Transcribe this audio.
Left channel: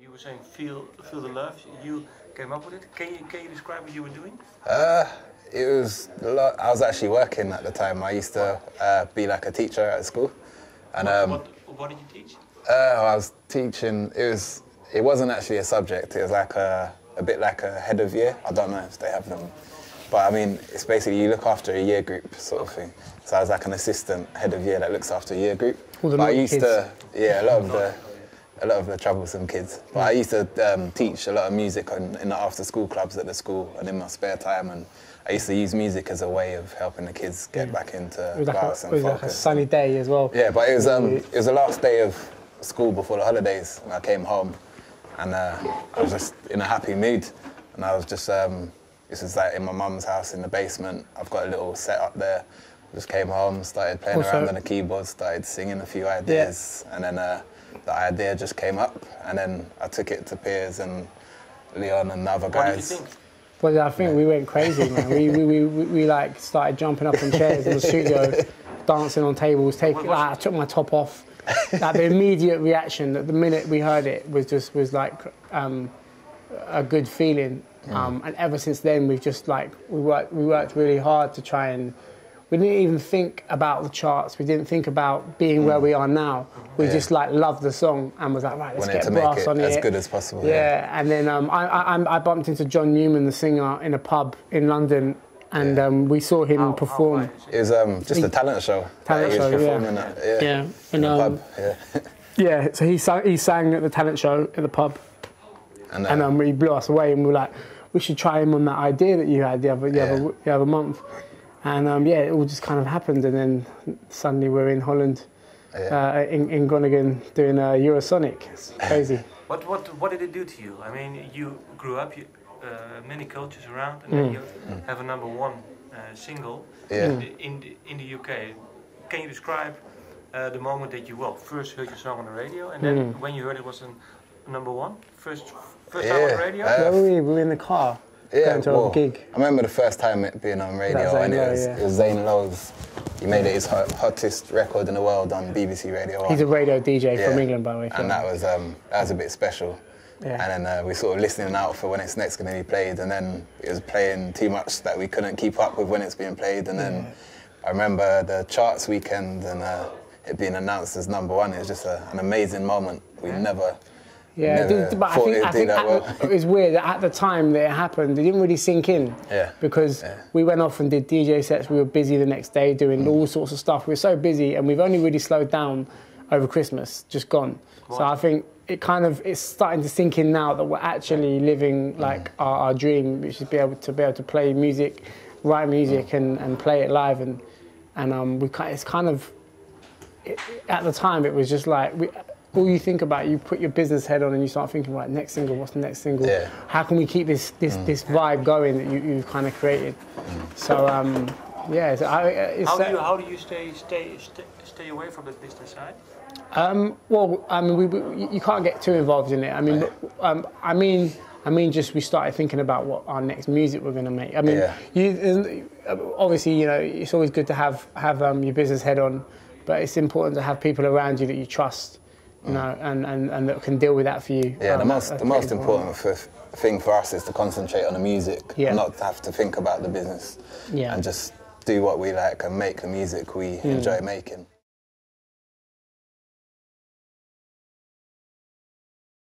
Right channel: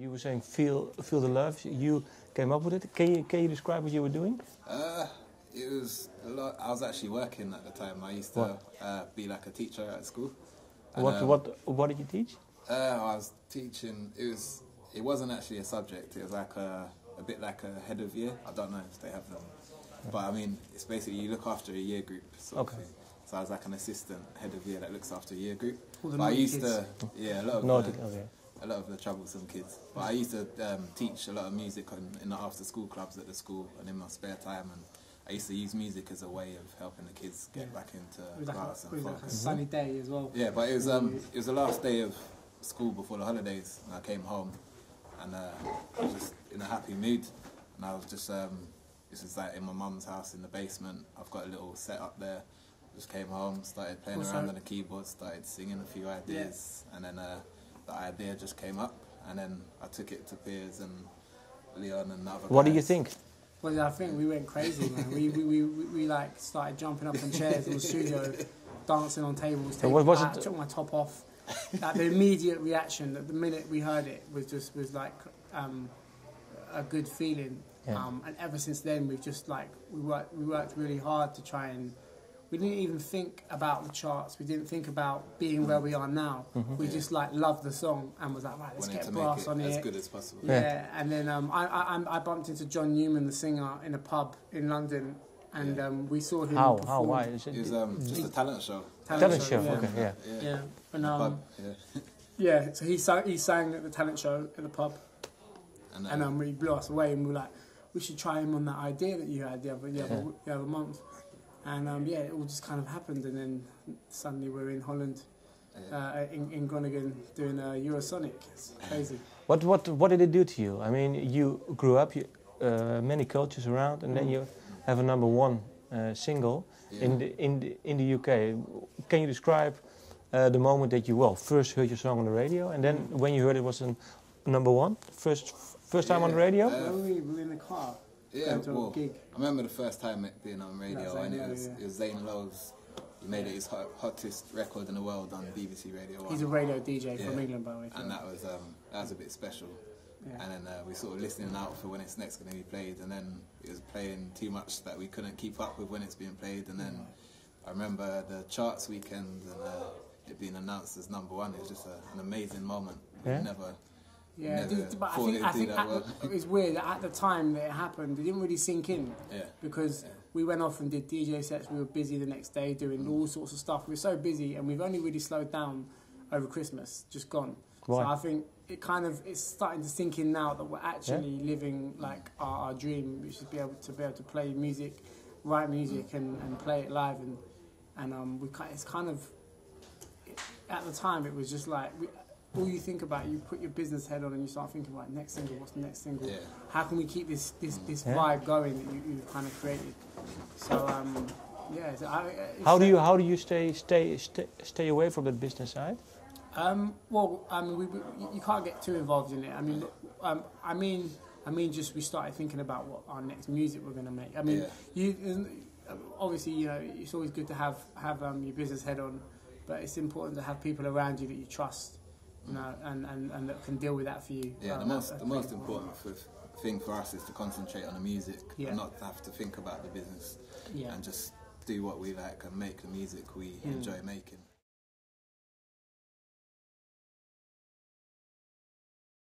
You were saying feel the love. You came up with it. Can you describe what you were doing? It was a lot. I was actually working at the time. I used to be like a teacher at school. And what did you teach? I was teaching. It wasn't actually a subject. It was like a bit like a head of year. I don't know if they have them, but I mean, it's basically you look after a year group sort of thing. So I was like an assistant head of year that looks after a year group. But I used to, yeah, a lot of the troublesome kids. But I used to teach a lot of music in the after-school clubs at the school and in my spare time. And I used to use music as a way of helping the kids get back into class and focus. It was like a sunny day as well. Yeah, but it was the last day of school before the holidays, and I came home, and I was just in a happy mood, and I was just this is like in my mum's house in the basement. I've got a little set up there. Just came home, started playing around on the keyboard, started singing a few ideas, and then the idea just came up, and then I took it to Piers and Leon and the other guys. What did you think? Well, I think we went crazy, man. we like started jumping up on chairs in the studio, dancing on tables. I took my top off. Like the immediate reaction at the minute we heard it was like a good feeling. And ever since then, we've just like we worked really hard to try and. We didn't even think about the charts. We didn't think about being where we are now. We just like loved the song and was like, right, let's get brass on it. As good as possible. Yeah, and then I bumped into John Newman, the singer, in a pub in London, and we saw him perform. It was just a talent show. Yeah. And, yeah, so he sang at the talent show at the pub, and he blew us away, and we were like, we should try him on that idea that you had the other month. And it all just kind of happened, and then suddenly we're in Holland, in Groningen, doing Eurosonic. It's crazy. What did it do to you? I mean, you grew up, many cultures around, and then you have a #1 single in the UK. Can you describe the moment that you first heard your song on the radio, and then when you heard it was a #1, first time on the radio? We were in the car. Yeah, a gig. I remember the first time it being on radio, and it was Zane Lowe's. He made it his hottest record in the world on BBC Radio 1. He's a radio DJ from England, by the way. And that was a bit special. Yeah. And then we sort of listening out for when it's next going to be played, and then it was playing too much that we couldn't keep up with when it's being played. And then I remember the charts weekend and it being announced as #1. It was just an amazing moment. We never. Yeah, but I think it was weird that at the time that it happened, it didn't really sink in. Yeah. Because we went off and did DJ sets. We were busy the next day doing all sorts of stuff. We were so busy, and we've only really slowed down over Christmas, just gone. What? So I think it's starting to sink in now that we're actually living like our dream, which is be able to play music, write music, and play it live. And it's kind of at the time it was just like. All you think about, you put your business head on and you start thinking, right, next single, what's the next single? Yeah. How can we keep this vibe going that you've kind of created? So, how do you stay away from the business side? Well, I mean, you can't get too involved in it. I mean, just we started thinking about what our next music we're going to make. I mean, obviously, it's always good to have your business head on, but it's important to have people around you that you trust. And that can deal with that for you. Yeah, the most important thing for us is to concentrate on the music, and not have to think about the business, and just do what we like and make the music we enjoy making.